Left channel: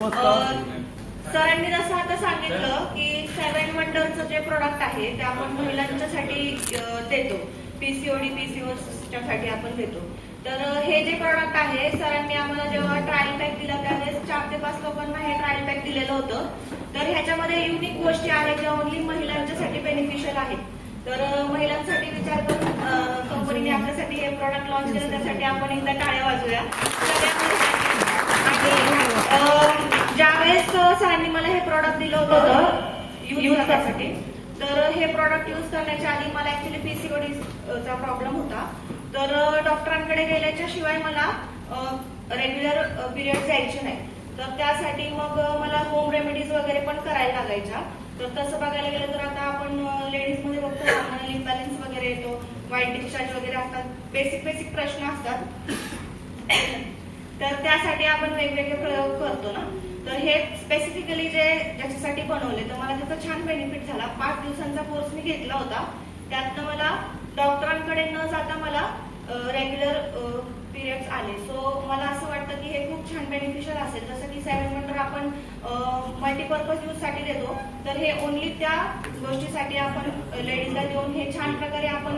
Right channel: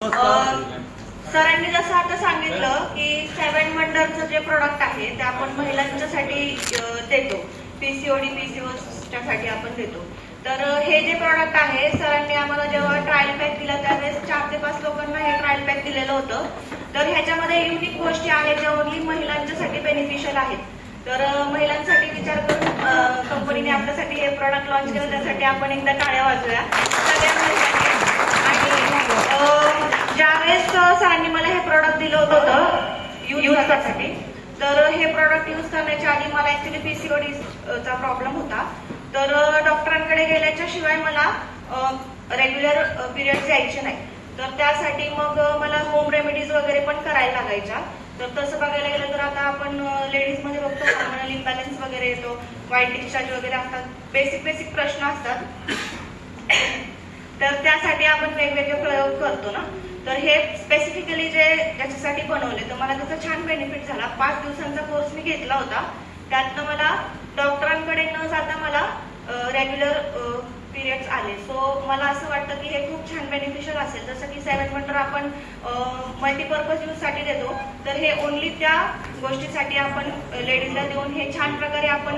सरांनी जसं आता सांगितलं की 7 वंडरचं जे प्रोडक्ट आहे ते आपण महिलांच्यासाठी देतो, पीसीओडी पीसीओसाठी आपण देतो. तर हे जे प्रोडक्ट आहे सरांनी आम्हाला जेव्हा ट्रायल पॅक दिला त्यावेळेस 4 ते 5 लोकांना हे ट्रायल पॅक दिलेलं होतं. तर ह्याच्यामध्ये युनिक गोष्टी आहेत ज्या ओन्ली महिलांच्यासाठी बेनिफिशियल आहेत. तर महिलांसाठी विचार करून कंपनीने आपल्यासाठी हे प्रोडक्ट लॉन्च केलं, त्यासाठी आपण एकदा टाळ्या वाजूया सगळ्या. आणि ज्यावेळेस सरांनी मला हे प्रोडक्ट दिलं होतं यूज करण्यासाठी, तर हे प्रोडक्ट यूज करण्याच्या आधी मला ऍक्च्युली पीसीओडीचा प्रॉब्लेम होता. तर डॉक्टरांकडे गेल्याच्या शिवाय मला रेग्युलर पिरियड यायचे नाही. तर त्यासाठी मग मला होम रेमेडीज वगैरे पण करायला लागायच्या. तर तसं बघायला गेलं तर आता आपण लेडीज मध्ये बघतो हॉर्मोनल इम्बॅलन्स वगैरे येतो, वाईट डिस्चार्ज वगैरे असतात, बेसिक प्रश्न असतात. तर त्यासाठी आपण वेगवेगळे प्रयोग करतो ना. तर हे स्पेसिफिकली जे ज्याच्यासाठी बनवले, तर मला त्याचा छान बेनिफिट झाला. 5 दिवसांचा कोर्स मी घेतला होता. त्यातनं मला डॉक्टरांकडे न जाता मला रेग्युलर पिरियड्स आले. सो मला असं वाटतं की हे खूप छान बेनिफिशियल असेल. जसं की 7 वंडर आपण मल्टीपर्पज यूज साठी देतो, तर हे ओन्ली त्या गोष्टीसाठी आपण लेडीजला देऊन हे छान प्रकारे आपण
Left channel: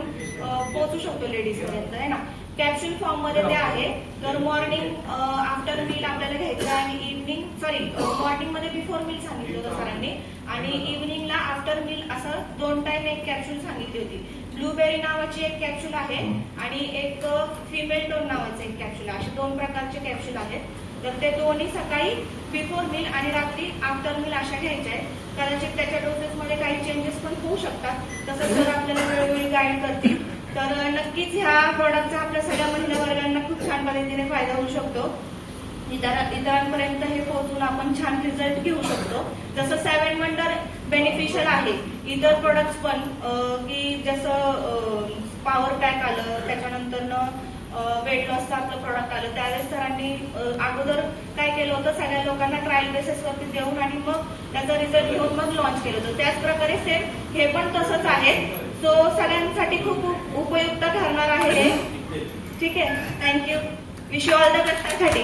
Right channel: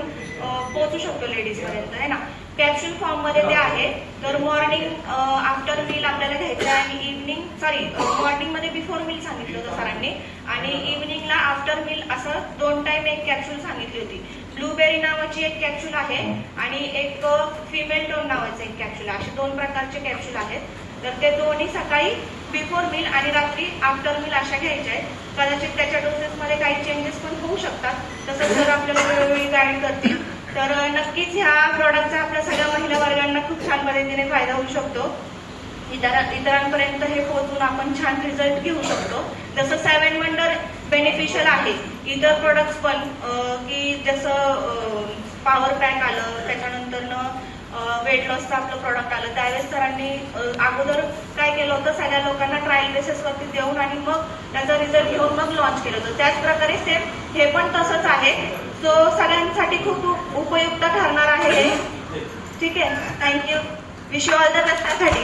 पोहोचू शकतो लेडीज पर्यंत, आहे ना. कॅप्सूल फॉर्म मध्ये ते आहे. तर मॉर्निंग आफ्टर मील आपल्याला घ्यायचं आहे आणि मॉर्निंग मध्ये बिफोर मील सांगितलं होतं सरांनी, आणि इव्हिनिंगला आफ्टर मील असं 2 टाइम एक कॅप्सूल सांगितली होती. ब्लूबेरी नावाची एक कॅप्सूल आहे आणि एक फिमेल टोन नावाचं एक कॅप्सूल आहे. असे 2 प्रकारचे कॅप्सूल आहेत. तर ते दोन्ही सकाळी बिफोर मील आणि रात्री आफ्टर मील अशा घ्यायच्या आहेत. कदाचित त्याच्या डोसेस मध्ये काही चेंजेस पण होऊ शकतात, तसं जर आपल्याला वेळोवेळी गाईड करतील. तर नक्कीच ह्या प्रॉडक्टचा आपल्या सगळ्या महिला वर्गांना खूप छान पद्धतीने फायदा होऊ शकतो. इतरांपर्यंत हे पोहोचून आपण छान रिझल्ट घेऊ शकतो. जसं 7 वंडर बेनिफिशियल आहे, इतर प्रोडक्ट्स पण की जसं पॉवर पॅक आलं, त्याच्यानंतर वेट लॉसचं आपलं प्रोडक्ट आलं. त्यावेळेस सरांनी अगोदर काय केलं होतं, सगळ्या लोकांना ट्रायल बेसिसवरती देऊन आणि मग त्याचा रिझल्ट घेऊन मग लॉन्च केलं होतं. त्याच प्रकारे सेम हे पण तसंच आहे. सो सगळ्यांसाठी खूप उपयुक्त ठरणार आहे हे. ठीक आहे, thank you. Wish you all the best साठी.